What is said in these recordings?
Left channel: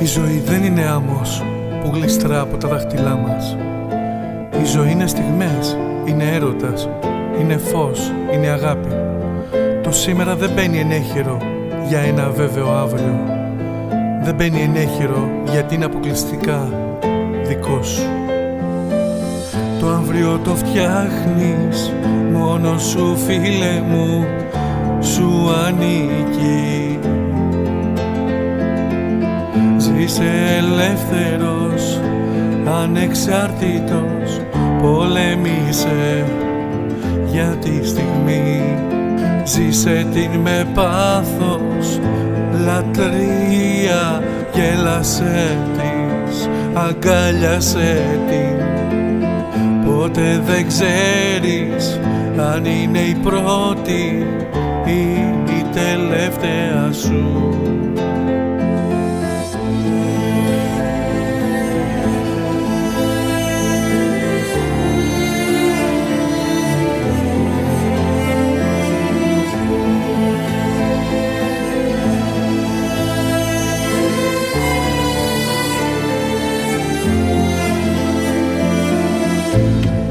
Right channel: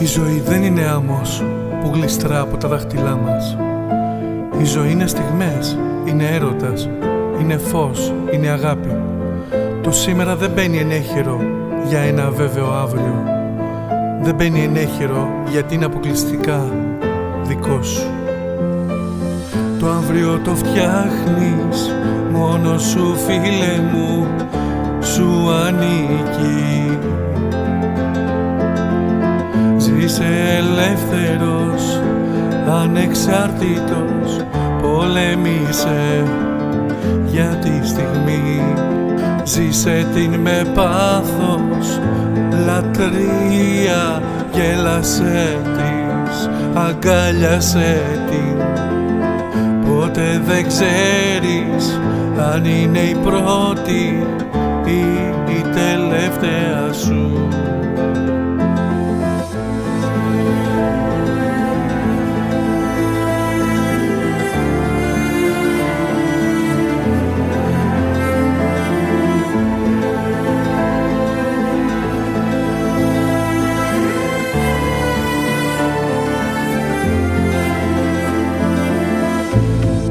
Η ζωή δεν είναι άμμος που γλιστρά από τα δάχτυλά μας. Η ζωή είναι στιγμές, είναι έρωτας, είναι φως, είναι αγάπη. Το σήμερα δεν μπαίνει ενέχειρο για ένα αβέβαιο αύριο. Δεν μπαίνει ενέχειρο γιατί είναι αποκλειστικά δικό σου. Το αύριο το φτιάχνεις μόνο σου, φίλε μου, σου ανήκει. Ζήσε ελεύθερος, ανεξάρτητος, πολέμησε για τη στιγμή. Ζήσε την με πάθος, λατρεία, γέλασε της, αγκάλιασε την. Ποτέ δεν ξέρεις αν είναι η πρώτη ή η τελευταία σου.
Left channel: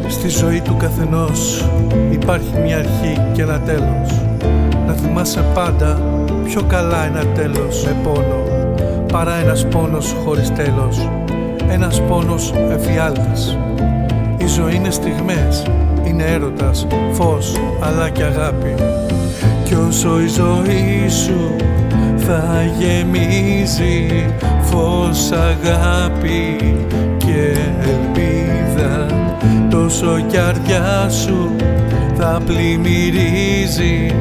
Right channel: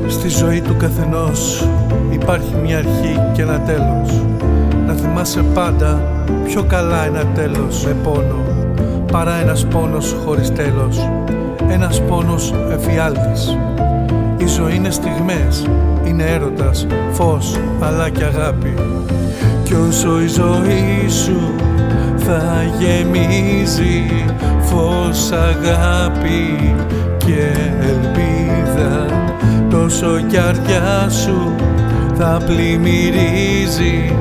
Στη ζωή του καθενός υπάρχει μια αρχή και ένα τέλος. Να θυμάσαι πάντα πιο καλά ένα τέλος με πόνο παρά ένας πόνος χωρίς τέλος, ένας πόνος εφιάλτης. Η ζωή είναι στιγμές, είναι έρωτας, φως αλλά και αγάπη. Κι όσο η ζωή σου θα γεμίζει φως, αγάπη και ελπίδα, τόσο η καρδιά σου θα πλημμυρίζει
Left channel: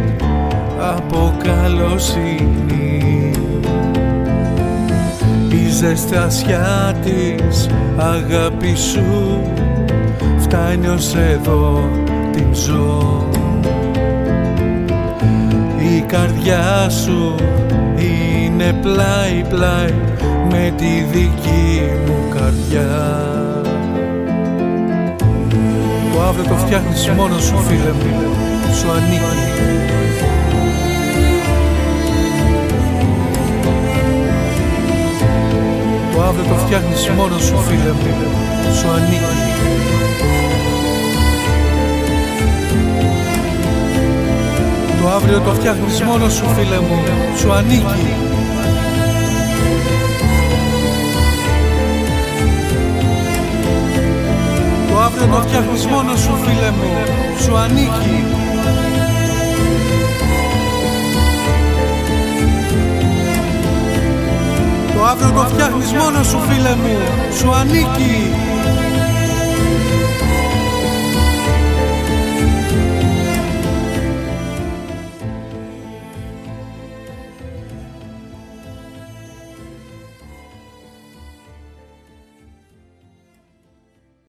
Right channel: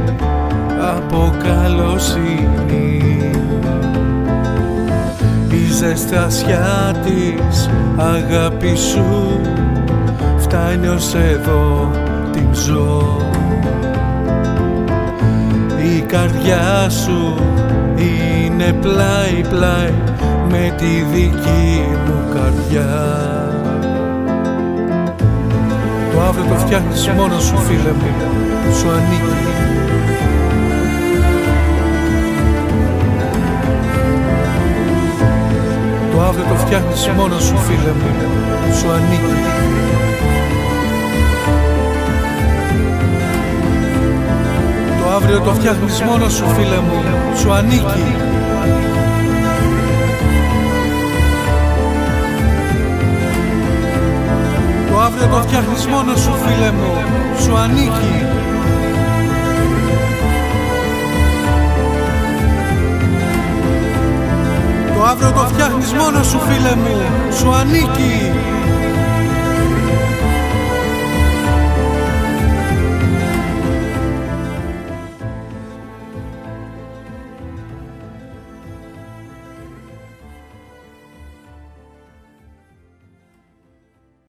από καλοσύνη. Η ζεστασιά της αγάπης σου φτάνει ως εδώ την ζω. Η καρδιά σου είναι πλάι-πλάι με τη δική μου καρδιά. Το αύριο το φτιάχνεις μόνος σου, φίλε μου, σου ανήκει. Το αύριο το φτιάχνεις μόνος σου, φίλε μου, σου ανήκει. Το αύριο το φτιάχνεις μόνος σου, φίλε μου, σου ανήκει. Το αύριο το φτιάχνεις μόνος σου, φίλε μου, σου ανήκει. Το αύριο το φτιάχνεις μόνος σου, φίλε μου, σου ανήκει.